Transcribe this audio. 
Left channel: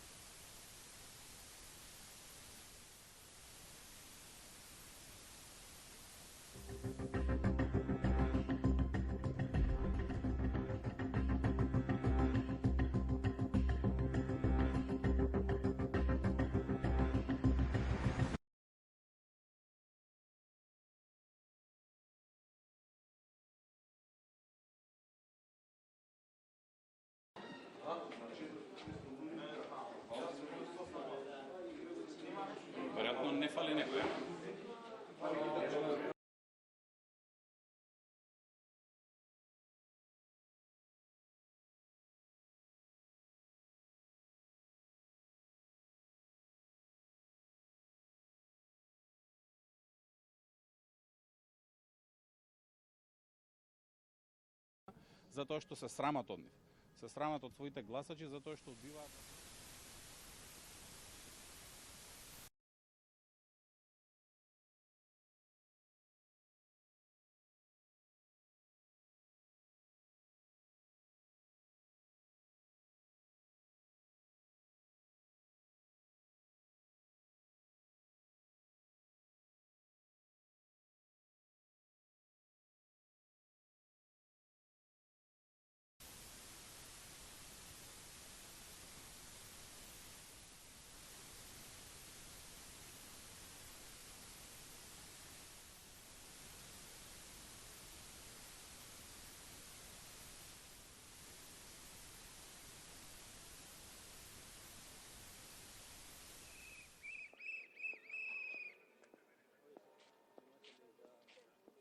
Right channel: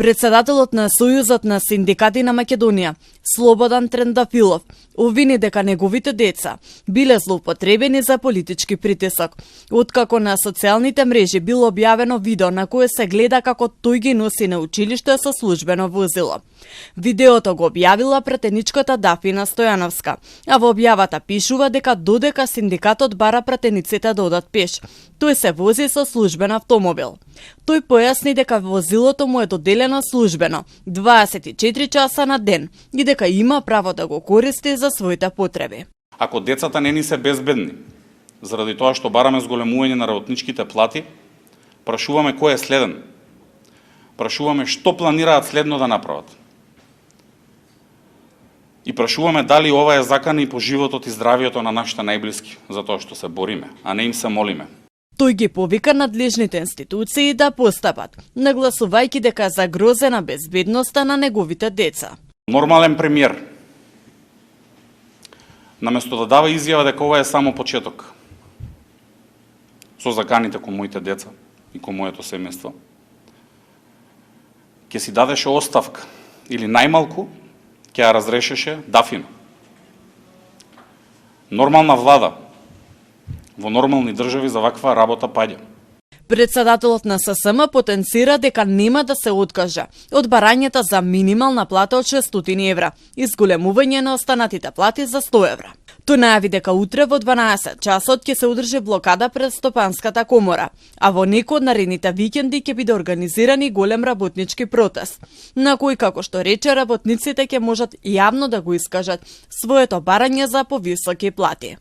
Председателот на Сојузот на синдикати на Македонија, Слободан Трендафилов, обвини дека неговите деца биле злоупотребени за политички притисок, откако на социјалните мрежи било објавено видео на кое се гледа како тој ги носи на училиште со службено возило. Видеото го објавила пратеничката Дафина Стојановска, а во објавата пишува дека додека синдикатот бара пратениците да одат пеш, тој се вози со службен автомобил. Тој појасни дека возилото му е доделено службено 24 часа на ден и дека има право да го користи за своите потреби. Ако децата не ни се безбедни, заради тоа што бараме зголемување на работничките плати, прашуваме кој е следен. Прашуваме што планираат следно да направат. И прашуваме дали ова е закана и по животот и здравието на нашите најблиски, за тоа што се бориме, а не им се молиме. Тој ги повика надлежните институции да постапат, нагласувајќи дека е загрозена безбедноста на неговите деца. Нормален премиер, наместо да дава изјава дека ова е само почеток, со заканите кон моите деца и кон моето семејство, ќе си дадеше оставка или најмалку ќе ја разрешеше Дафина. Нормална влада во нормални држави за ваква работа паѓа. Председателот на ССМ потенцира дека нема да се откаже од барањата за минимална плата од 600 евра и зголемување на останатите плати за 100 евра. Тој најави дека утре во 12 часот ќе се одржи блокада пред Стопанската комора, а во некој од наредните викенди ќе биде организиран и голем работнички протест, на кој, како што рече, работниците ќе можат јавно да го искажат своето барање за повисоки плати.